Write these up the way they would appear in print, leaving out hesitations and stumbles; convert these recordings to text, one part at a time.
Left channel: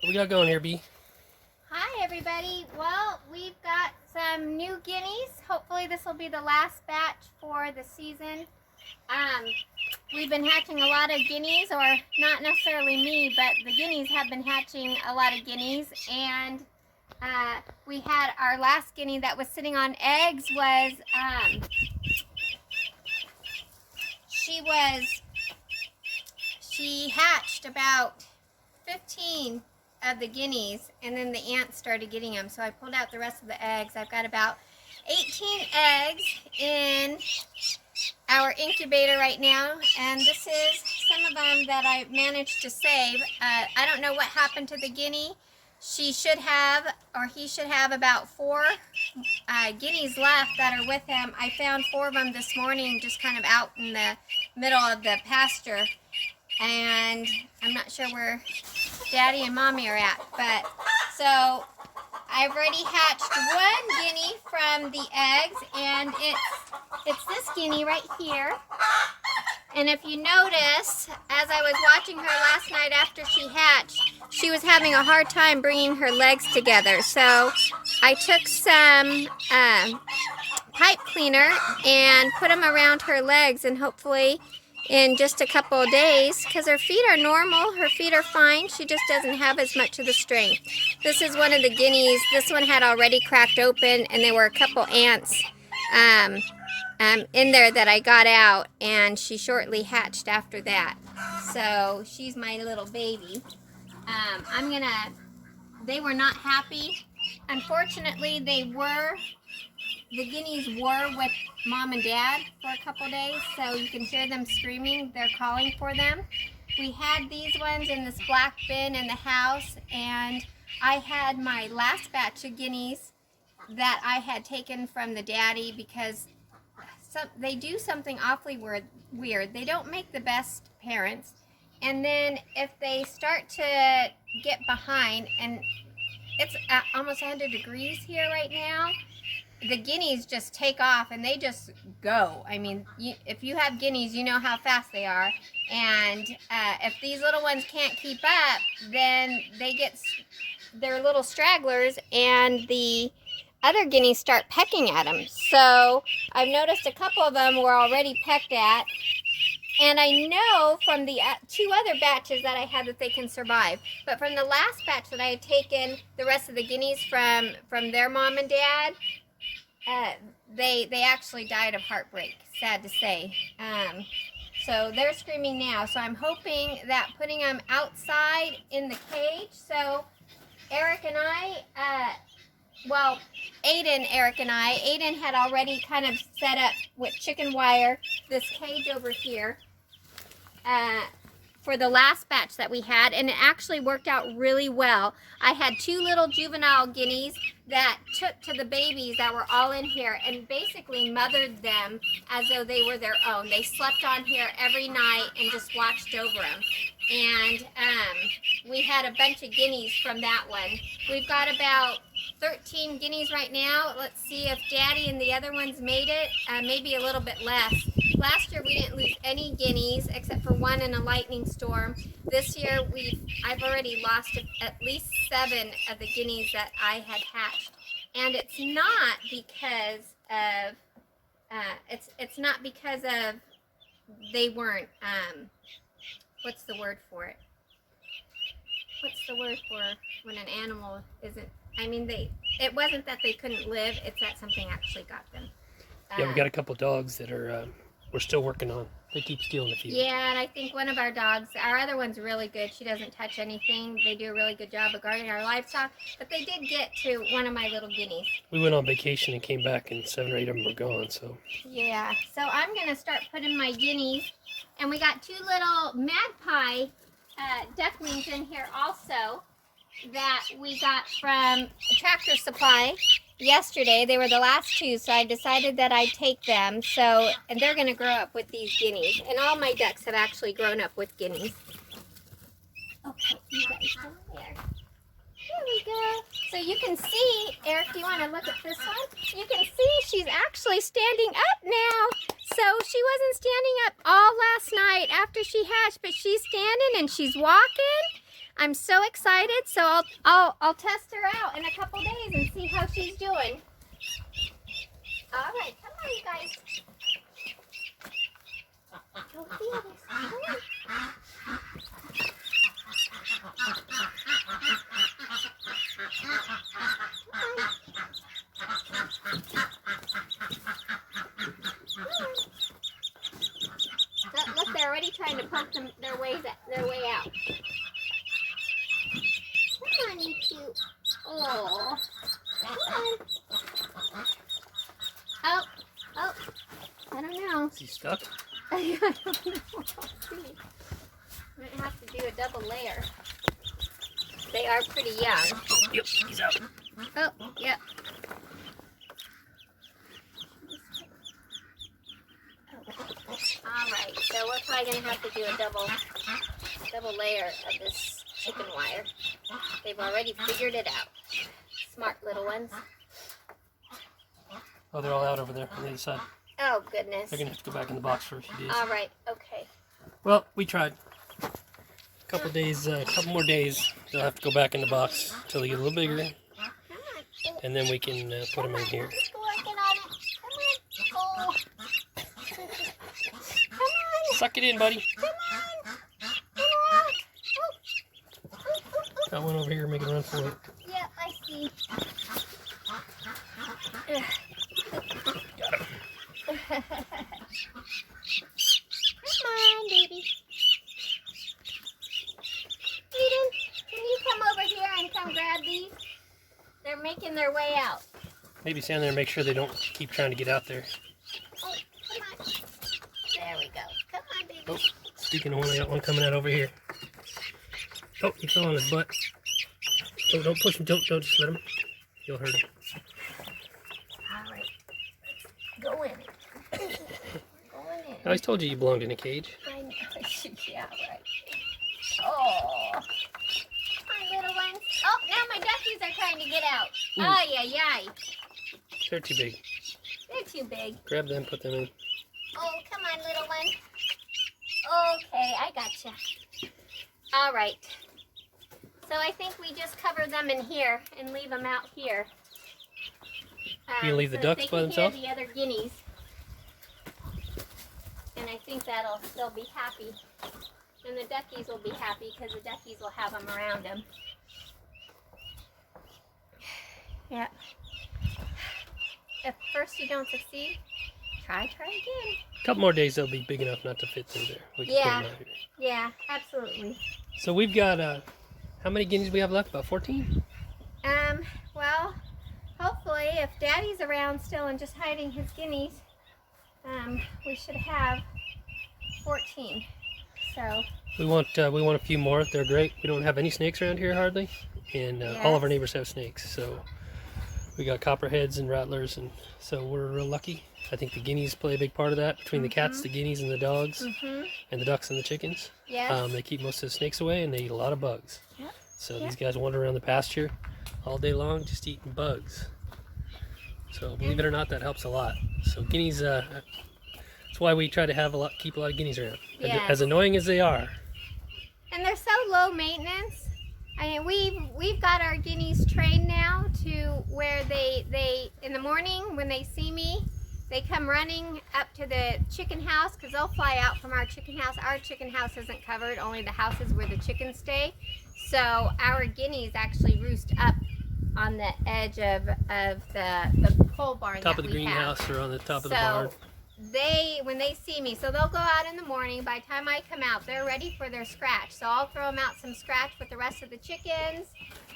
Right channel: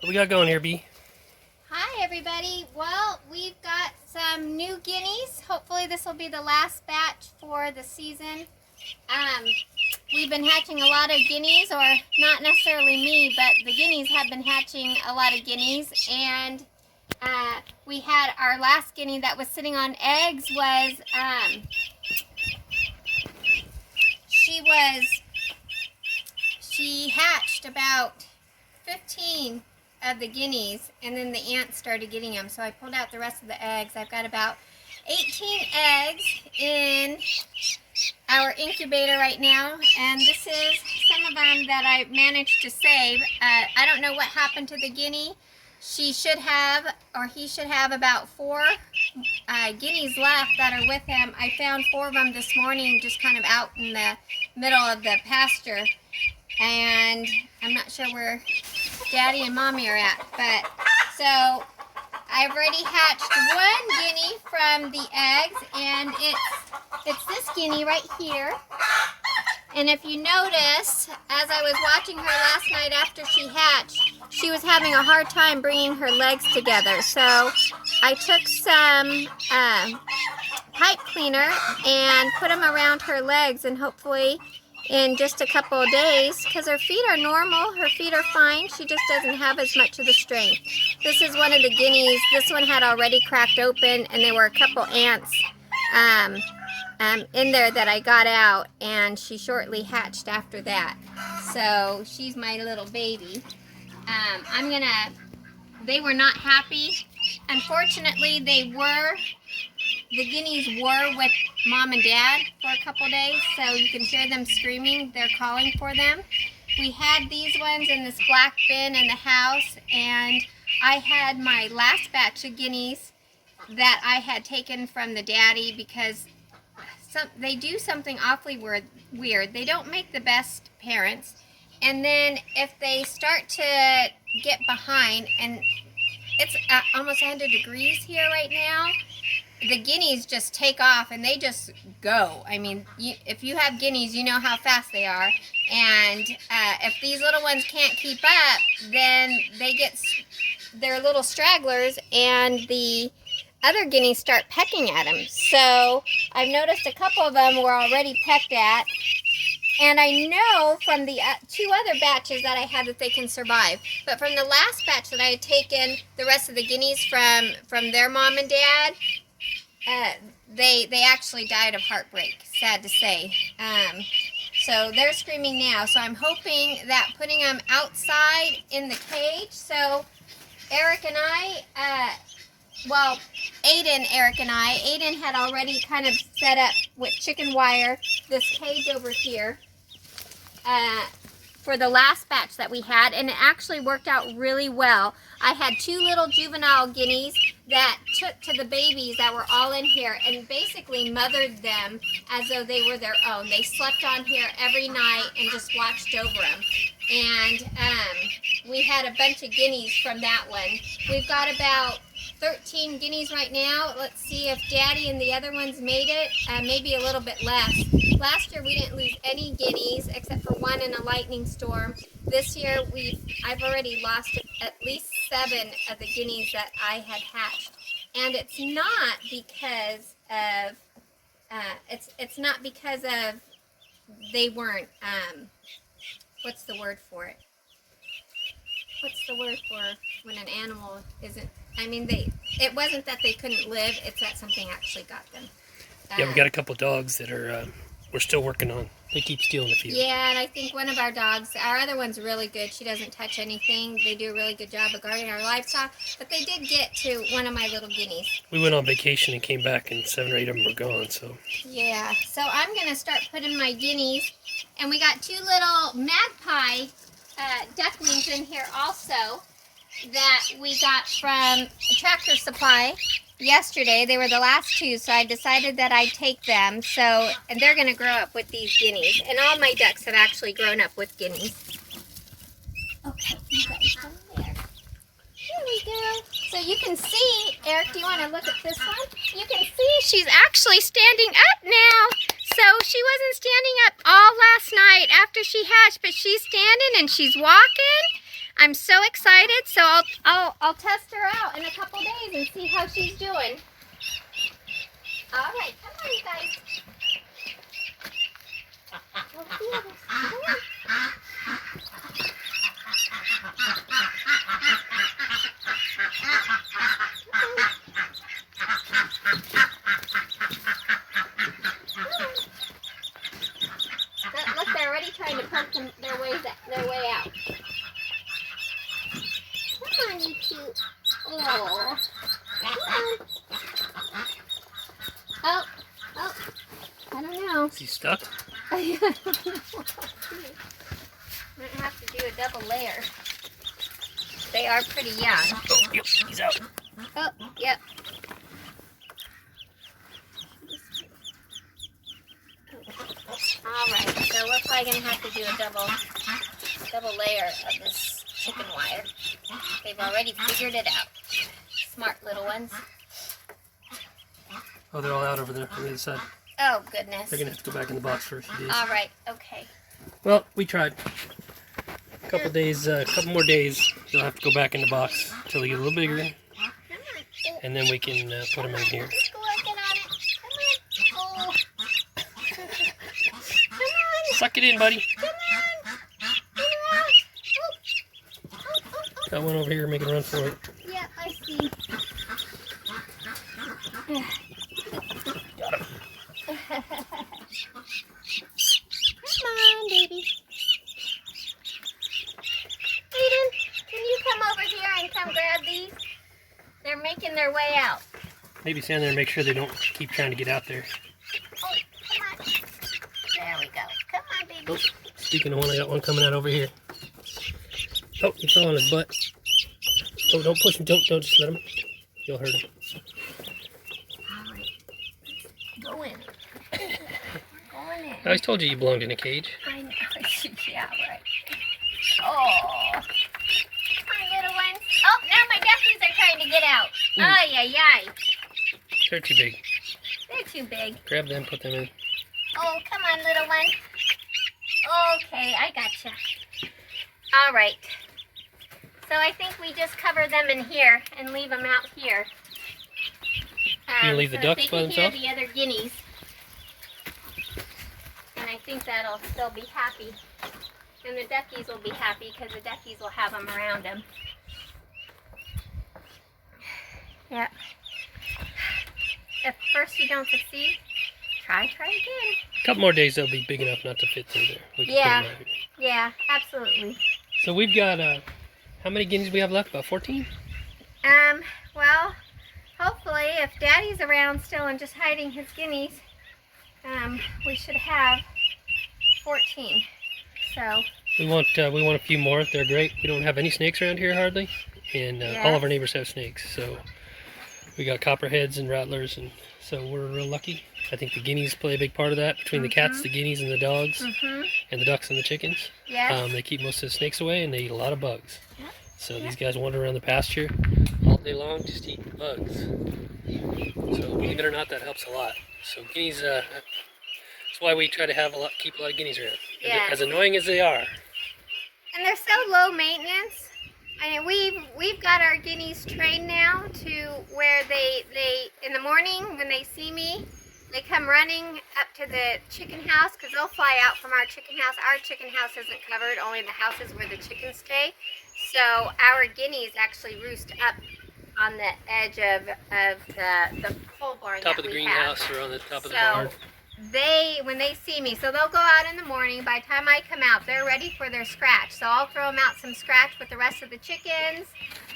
What we got going here, B? Hi everybody. Well, we've got some new guineas. Hopefully this will be the last batch for the season. We've been hatching a lot of guineas, or not necessarily me, but the guineas have been hatching a lot of guineas. And we had our last guinea that was sitting on eggs was, she hatched about 15 of the guineas, and then the ants started getting them, so I pulled out the rest of the eggs. I've got about 18 eggs in our incubator right now, and this is some of them that I managed to save. I don't know what happened to the guinea. She should have, or he should have, about 4 guineas left that are with him. I found 4 of them this morning just kind of out in the middle of the pasture, and I'm not sure where Daddy and Mommy are at, but so I've already hatched 1 guinea from the eggs, and it's this guinea right here. And if you notice, as I was watching her last night after she hatched, she was having a hard time bringing her legs together. So I took some pipe cleaner and put them around her legs, and hopefully in just a couple of days, because her feet are normal, her feet are fine, she just doesn't have as much of the strength. This is one of the guineas. This one had already cracked open, and there were a couple ants in there that I got out, and she shortly hatched after that. So she's my little baby. They were not happy. Unfortunately, the guineas were with Mom and Dad for a couple days, so you can hear them screaming. They're calling for them. We had these ones in this black bin in the house, and I had my last batch of guineas that I had taken from the daddy because they do something awfully weird. They don't make the best parents, and then if they start to get behind, and it's almost 100 degrees here right now, the guineas just take off and they just go. I mean, if you have guineas, you know how fast they are. And if these little ones can't keep up, then they're little stragglers, and the other guineas start pecking at them. So I've noticed a couple of them were already pecked at. And I know from the 2 other batches that I had that they can survive. But from the last batch that I had taken the rest of the guineas from their mom and dad, they actually died of heartbreak, sad to say. So they're screaming now. So I'm hoping that putting them outside in the cage. So Eric and I, Aiden had already kind of set up with chicken wire this cage over here for the last batch that we had, and it actually worked out really well. I had 2 little juvenile guineas that took to the babies that were all in here and basically mothered them as though they were their own. They slept on here every night and just watched over them. And we had a bunch of guineas from that one. We've got about 13 guineas right now. Let's see if Daddy and the other ones made it. Maybe a little bit less. Last year we didn't lose any guineas except for 1 in a lightning storm. This year I've already lost at least 7 of the guineas that I had hatched. And it's not because of it's not because of they weren't what's the word for it? What's the word for when an animal isn't, I mean, it wasn't that they couldn't live, it's that something actually got them. Yeah, we got a couple dogs that are we're still working on. They keep stealing a few. Yeah, and I think one of our dogs, our other one's really good. She doesn't touch anything. They do a really good job of guarding our livestock, but they did get to one of my little guineas. We went on vacation and came back, and 7 or 8 of them were gone, so. Yeah, so I'm going to start putting my guineas, and we got 2 little magpie ducklings in here also that we got from Tractor Supply yesterday. They were the last 2, so I decided that I'd take them. So, and they're going to grow up with these guineas. And all my ducks have actually grown up with guineas. Okay, you guys go there. Here we go. So you can see, Eric, do you want to look at this one? You can see she's actually standing up now. So she wasn't standing up all last night after she hatched, but she's standing and she's walking. I'm so excited. So I'll test her out in a couple days and see how she's doing. All right, come on, you guys. We'll feel this. Come on. Look, they're already trying to poke their way out. Come on, you cute. Oh. Come on. Oh. I don't know. Is he stuck? I don't know. Might have to do a double layer. They are pretty young. Oh, yep, he's out. Oh, yep. Alright, so we're probably going to have to do a double layer of this chicken wire. They've already figured it out. Smart little ones. Oh, they're all out over there on the other side. Oh, goodness. They're going to have to go back in the box for a few days. Alright, okay. Well, we tried. A couple more days, they'll have to go back in the box until they get a little bigger. And then we can put them in here. Just go and get on it. Come on. Oh. Come on. Suck it in, buddy. Come on. Get her out. Oh. Got one over here making a run for it. Yeah, I see. Got him. Come on, baby. Eden, can you come over here and come grab these? They're making their way out. Maybe stand there and make sure they don't keep trying to get out there. Oh, come on. There we go. Come on, baby. Oh, speaking of one, I got one coming out over here. Oh, he fell on his butt. Oh, don't push him. Don't just let him. You'll hurt him. All right. Go in. Go in. I always told you belonged in a cage. I know. Yeah, right. Oh. Come on, little ones. Oh, now my duckies are trying to get out. Ay, ay, ay. They're too big. They're too big. Grab them, put them in. Oh, come on, little one. Okay, I gotcha. All right. So I think we just cover them in here and leave them out here. You leave the so ducks they by can hear themselves? the other guineas. And I think they'll be happy. And the duckies will be happy because the duckies will have them around them. Yeah. If first you don't succeed, try again. A couple more days, they'll be big enough not to fit through there. We can put them out here. Yeah, absolutely. So we've got, how many guineas we have left? About 14? Well, hopefully if Daddy's around still and just hiding his guineas, we should have 14. So We want a few more. They're great. We don't have any snakes around here hardly, and all of our neighbors have snakes. So we got copperheads and rattlers, and so we're real lucky. I think the guineas play a big part of that. Between the cats, the guineas, and the dogs, and the ducks and the chickens, they keep most of the snakes away, and they eat a lot of bugs. So these guys wander around the pasture all day long, just eating bugs. So believe it or not, that helps a lot. So guineas, that's why we try to keep a lot of guineas around. As annoying as they are. And they're so low maintenance. I mean, we've got our guineas trained now to where they in the morning when they see me, they come running up to the chicken house because they'll fly out from our chicken house. Our chicken house isn't covered, only the houses where the chickens stay. So our guineas actually roost up on the edge of the pole barn. Top of the greenhouse or on the top of the barn. When they see me, so they'll go out in the morning. By the time I come out, they're ready for their scratch. So I'll throw them out some scratch with the rest of the chickens.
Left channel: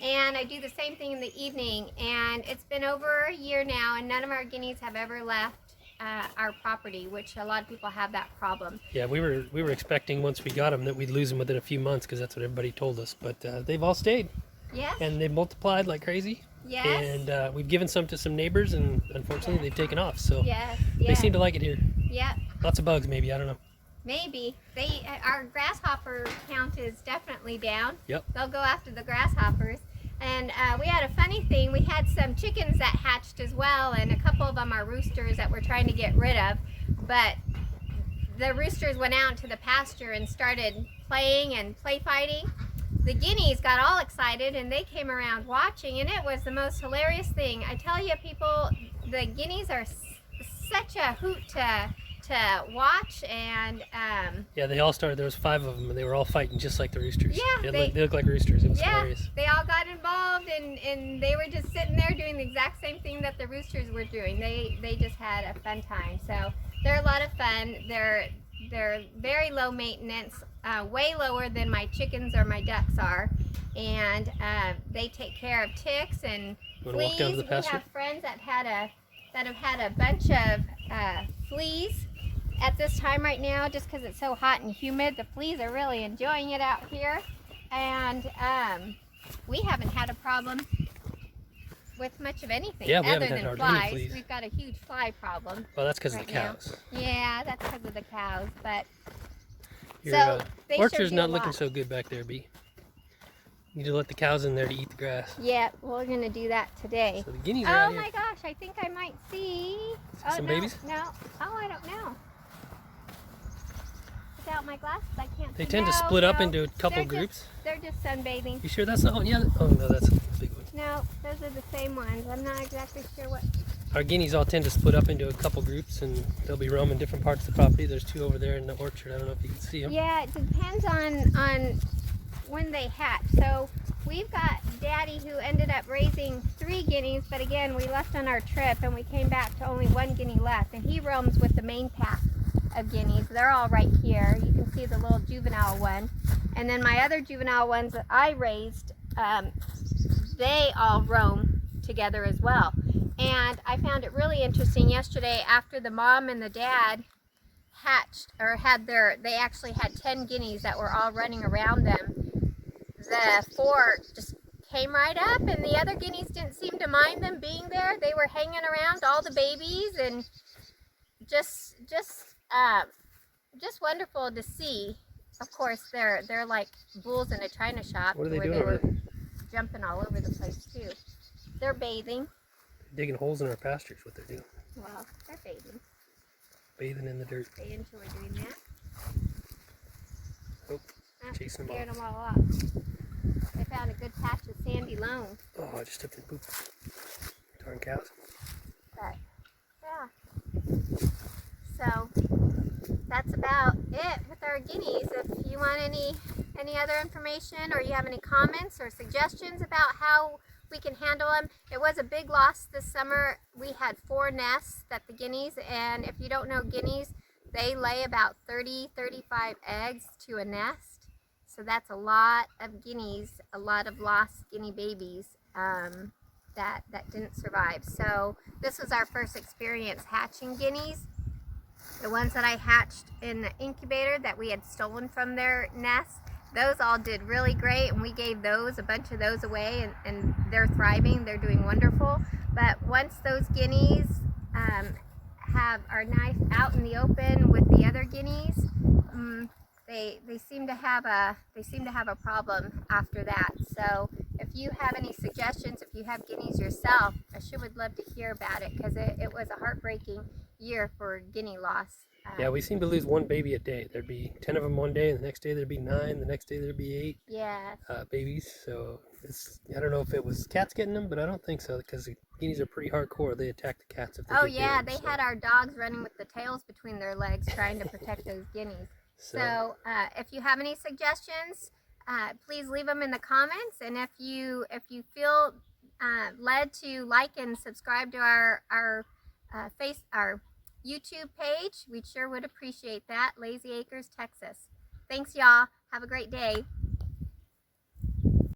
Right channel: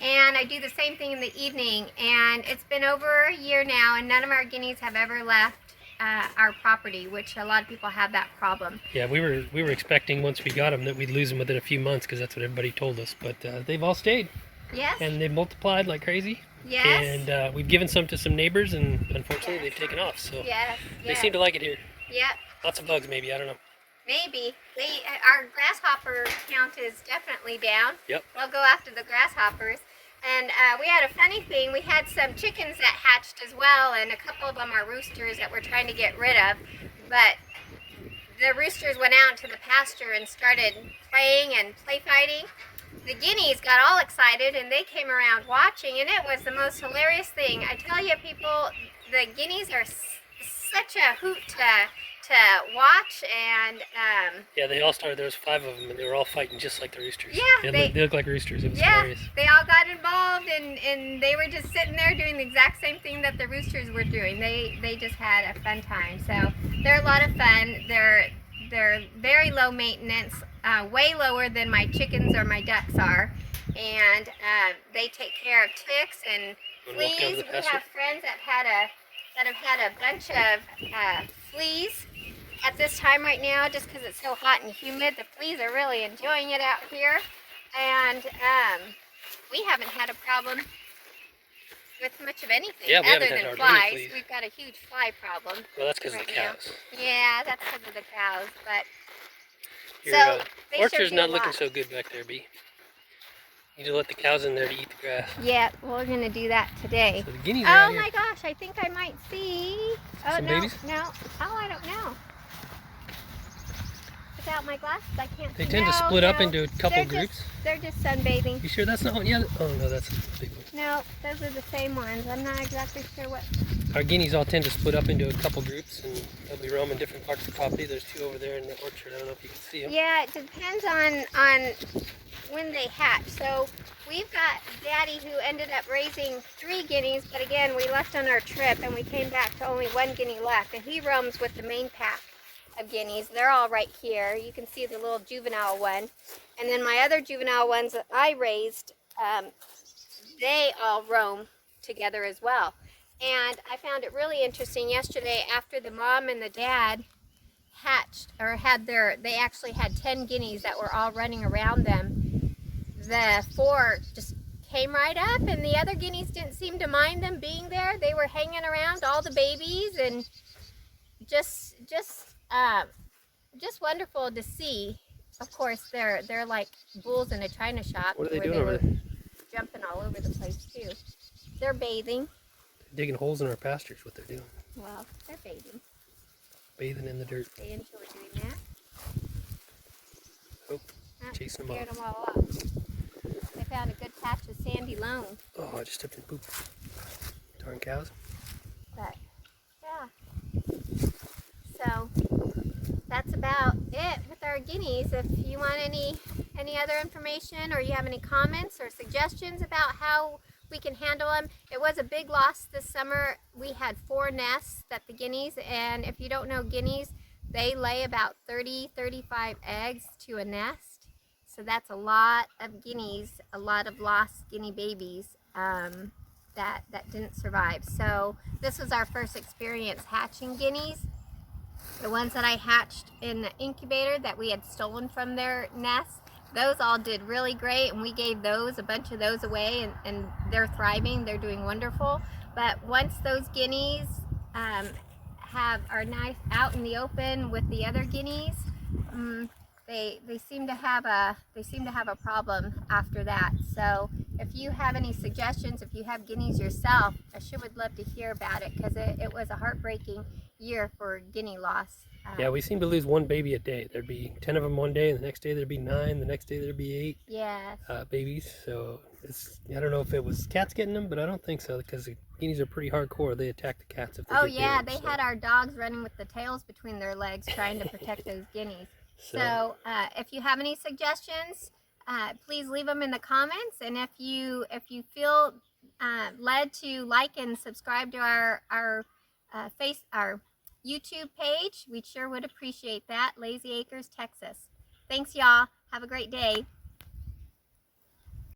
And I do the same thing in the evening. And it's been over a year now, and none of our guineas have ever left our property, which a lot of people have that problem. Yeah, we were expecting once we got them that we'd lose them within a few months because that's what everybody told us. But they've all stayed. Yes. And they've multiplied like crazy. Yes. And we've given some to some neighbors, and unfortunately they've taken off. So they seem to like it here. Yep. Lots of bugs, maybe. I don't know. Maybe. Our grasshopper count is definitely down. Yep. They'll go after the grasshoppers. And we had a funny thing. We had some chickens that hatched as well, and a couple of them are roosters that we're trying to get rid of. But the roosters went out to the pasture and started playing and play fighting. the guineas got all excited and they came around watching, and it was the most hilarious thing. I tell you, people, the guineas are such a hoot to watch, and yeah, they all started. There was 5 of them, and they were all fighting just like the roosters. Yeah, they look like roosters. It was hilarious. They all got involved, and they were just sitting there doing the exact same thing that the roosters were doing. They just had a fun time. So they're a lot of fun. They're very low maintenance, way lower than my chickens or my ducks are, and they take care of ticks and fleas. We have friends that have had a bunch of fleas at this time right now, just because it's so hot and humid. The fleas are really enjoying it out here, and we haven't had a problem with much of anything other than flies. We've got a huge fly problem. Well, that's because of the cows. Yeah, that's because of the cows, but your orchard's not looking so good back there, Bee. You need to let the cows in there to eat the grass. Yeah, we're going to do that today. So the guineas are out here. Oh my gosh, I think I might see some babies? No. Oh, I don't know. Without my glasses, I can't see. They tend to split up into a couple groups. They're just sunbathing. You sure that's not one? Yeah. Oh no, that's a big one. No, those are the same ones. I'm not exactly sure what. Our guineas all tend to split up into a couple groups, and they'll be roaming different parts of the property. There's 2 over there in the orchard. I don't know if you can see them. Yeah, it depends on when they hatch. So we've got Daddy who ended up raising 3 guineas, but again, we left on our trip and we came back to only 1 guinea left, and he roams with the main pack of guineas. They're all right here. You can see the little juvenile one, and then my other juvenile ones that I raised, they all roam together as well. And I found it really interesting yesterday, after the mom and the dad hatched, or they actually had 10 guineas that were all running around them. The 4 just came right up, and the other guineas didn't seem to mind them being there. They were hanging around all the babies, and just wonderful to see. Of course, they're like bulls in a china shop. What are they doing over there? Jumping all over the place too. They're bathing. They're digging holes in our pastures. What they're doing? Well, they're bathing. Bathing in the dirt. They enjoy doing that. Oh, chasing them off. Them all up. They found a good patch of sandy loam. Oh, I just stepped in poop. Darn cows. But yeah. So that's about it with our guineas. If you want any other information, or you have any comments or suggestions about how we can handle them. It was a big loss this summer. We had 4 nests that the guineas, and if you don't know guineas, they lay about 30-35 eggs to a nest. So that's a lot of guineas, a lot of lost guinea babies that didn't survive. So this was our first experience hatching guineas. The ones that I hatched in the incubator that we had stolen from their nests, those all did really great, and we gave a bunch of those away, and they're thriving. They're doing wonderful. But once those guineas are nice out in the open with the other guineas, they seem to have a problem after that. So if you have any suggestions, if you have guineas yourself, I sure would love to hear about it, because it was a heartbreaking year for guinea loss. Yeah, we seem to lose 1 baby a day. There'd be 10 of them one day, and the next day there'd be 9, the next day there'd be 8 babies. So I don't know if it was cats getting them, but I don't think so, because the guineas are pretty hardcore. They attack the cats if they get yeah, big, they had our dogs running with the tails between their legs trying to protect those guineas. So if you have any suggestions, please leave them in the comments, and if you feel led to like and subscribe to our YouTube page, we sure would appreciate that. Lazy Acres, Texas. Thanks, y'all. Have a great day.